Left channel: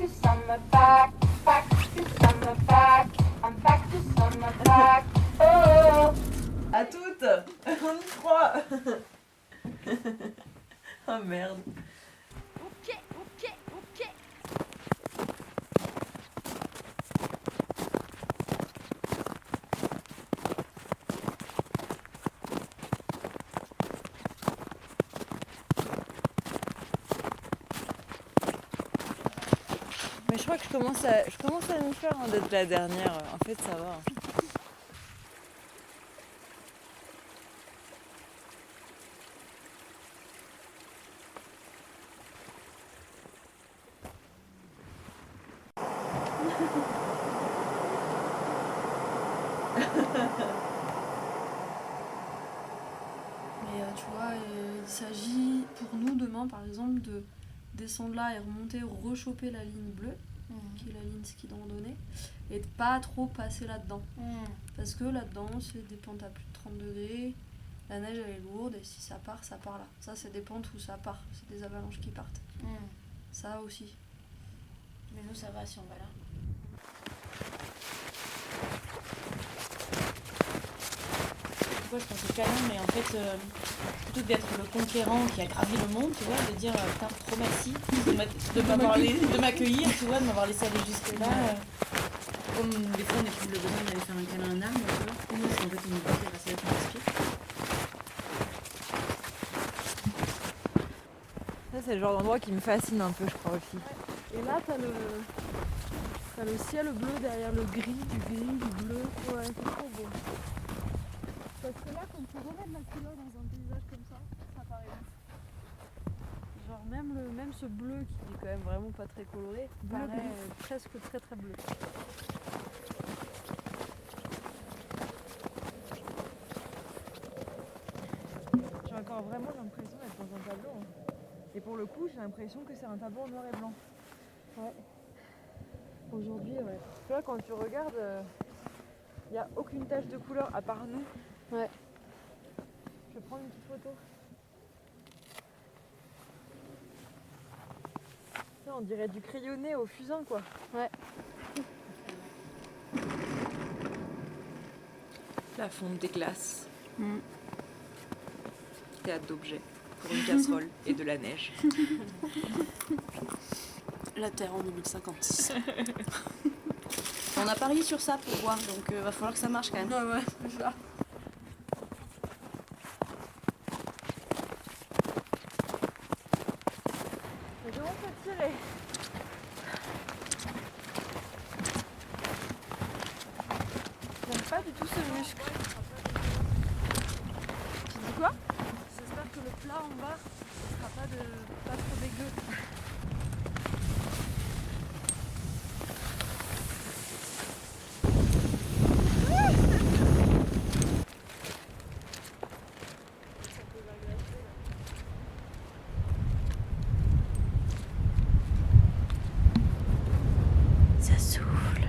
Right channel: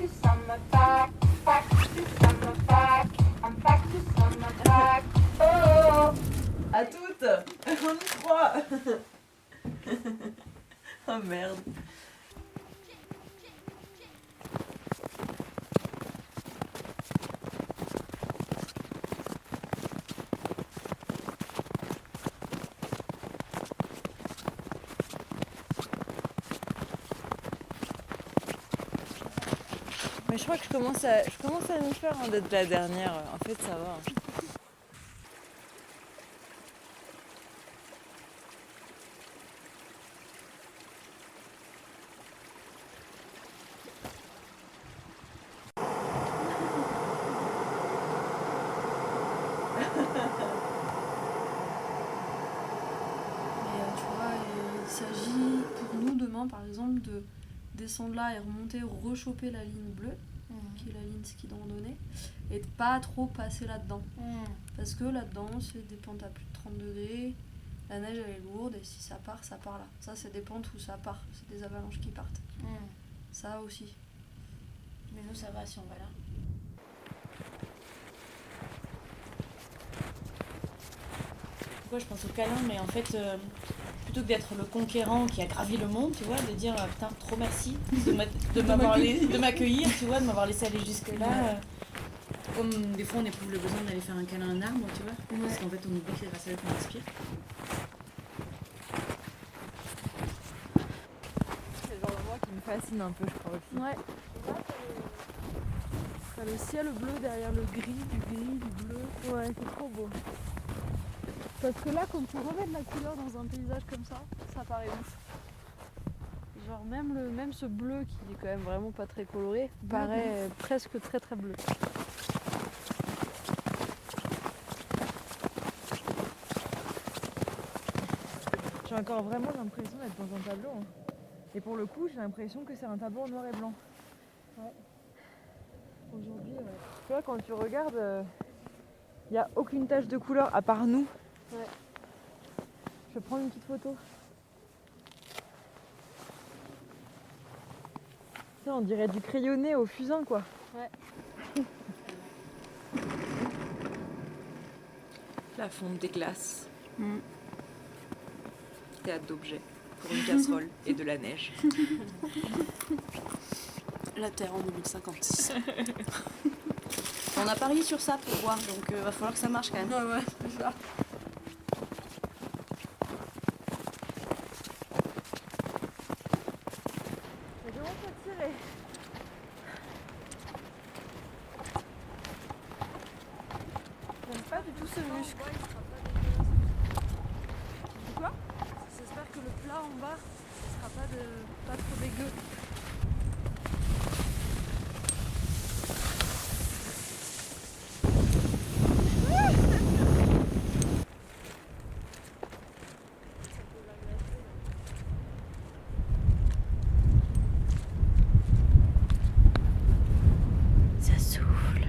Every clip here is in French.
to summer, back to summer, back. I'm back to summer, back. Oh. À toutes. On y croit. Oh merde. Mais je crois que je commence à nous faire d'être la dernière. En fait, ça va. Mais tu vois, il s'agit pour nous demain par exemple de descendre là et remonter, rechoper la ligne bleue, qui est la ligne ski de randonnée, et de pas trop passer là-dedans. Parce que là-dedans, c'est des pentes à plus de 30 degrés, la neige elle est lourde, et si ça part là. Ça, c'est des pentes où ça part, c'est des avalanches qui partent. Ça aussi. Mais nous, ça va si on va là. Pourquoi je pense au câlin, mais en fait, plutôt que d'être le conquérant qui a gravi le monde, tu vois, de dire putain, trop merci de m'accueillir, tu vois, de m'avoir laissé aller jusque-là. Comme des fois on éprouve le besoin d'aller faire un câlin à un arbre, tu vois, parce qu'en fait on oublie que les racines qu'on respire. Ça, c'est le genre d'endroit qui me fascine un peu, je crois aussi. Ouais, et là t'as le ciel bleu derrière le gris, du bleu. Ouais, c'est trop beau. Parce que là, quand tu remets de la couleur dans un paysage comme ça paraît ouf. Genre même ce bleu qui est quand même vraiment pas très coloré, paraît presque très très bleu. J'ai encore vraiment l'impression d'être dans un tableau. Hein. Et pour le coup, j'ai l'impression que c'est un tableau en noir et blanc. Ouais. Aujourd'hui, ouais. Tu vois, quand tu regardes, il n'y a aucune tache de couleur à part nous. Ouais. Je vais prendre une petite photo. Ça, on dirait du crayonné au fusain, quoi. Ouais. La fonte des glaces. Théâtre d'objets pour une casserole et de la neige. La Terre en 2056. On a parié sur ça pour voir, donc va falloir que ça marche quand même. Ouais, c'est ça. Ça commence à tirer. J'aime pas du tout ce muscle. Tu dis quoi? J'espère que le plat en bas, ce sera pas trop dégueu. Ça souffle.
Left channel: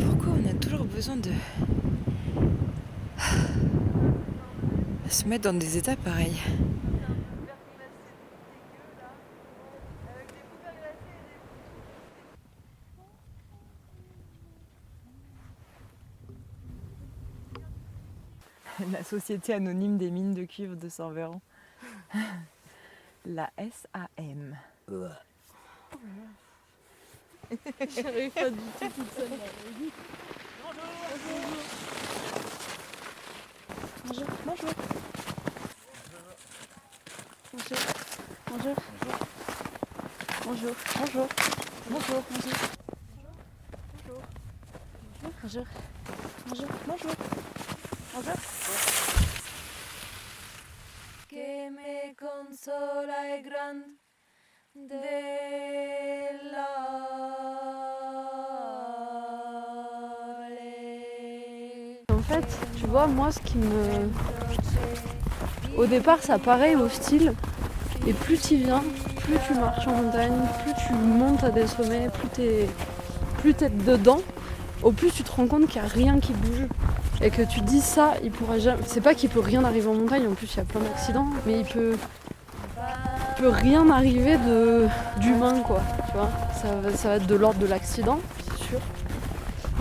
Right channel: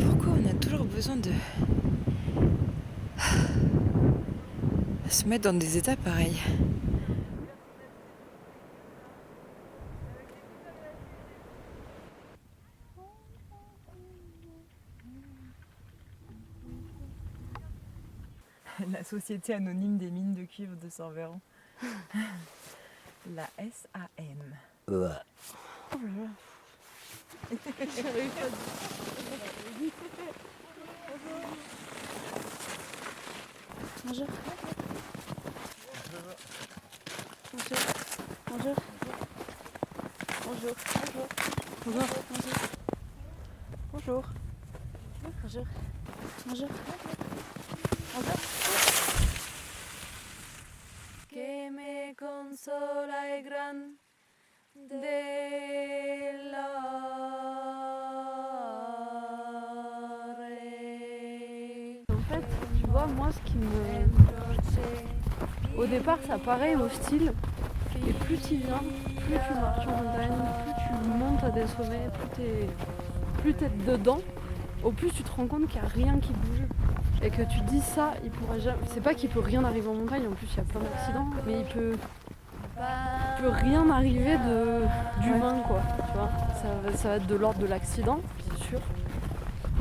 Pourquoi on a toujours besoin de se mettre dans des états pareils? La Société anonyme des mines de cuivre de Saint-Véran. La SAM. J'arrive pas du tout. Bonjour. Bonjour. Bonjour. Bonjour. Bonjour. Bonjour. Bonjour. Bonjour. Bonjour. Bonjour. Bonjour. Bonjour. Que me consola el gran de la. En fait, tu vois, moi, ce qui me... Au départ, ça paraît hostile. Et plus tu viens, plus tu marches en montagne, plus tu montes à des sommets, plus t'es dedans, au plus tu te rends compte qu'il n'y a rien qui bouge. Et que tu dis ça, il pourra jamais... C'est pas qu'il peut rien arriver en montagne, en plus il y a plein d'accidents, mais il peut... peut rien arriver d'humain, quoi. Tu vois, ça va être de l'ordre de l'accident, c'est sûr.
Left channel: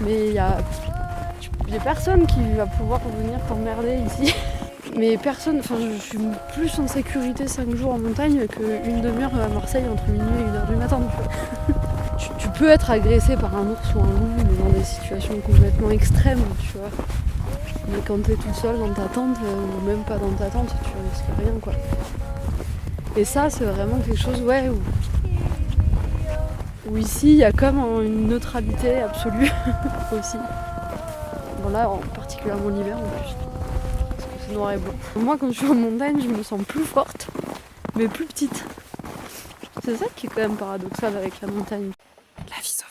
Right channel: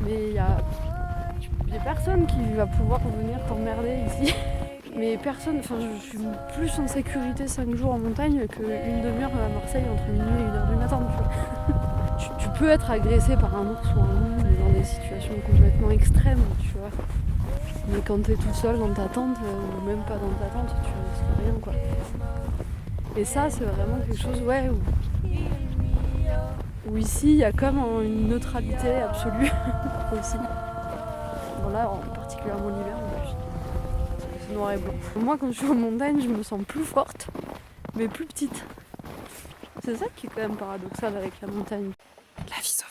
Mais il y a personne qui va pouvoir venir t'emmerder ici. Mais personne, enfin je suis plus en sécurité 5 jours en montagne qu'une demi-heure à Marseille entre minuit et 1h du matin. Tu peux être agressé par un ours ou un loup, mais dans des situations complètement extrêmes, tu vois. Mais quand t'es toute seule dans ta tente, ou même pas dans ta tente, tu risques rien, quoi. Et ça, c'est vraiment quelque chose, ouais, où ici, il y a comme une neutralité absolue aussi. Bon là, particulièrement l'hiver en plus, parce que c'est noir et blanc. Moi, quand je suis en montagne, je me sens plus forte, mais plus petite. C'est ça qui est quand même paradoxal avec la montagne. La vie sauvage.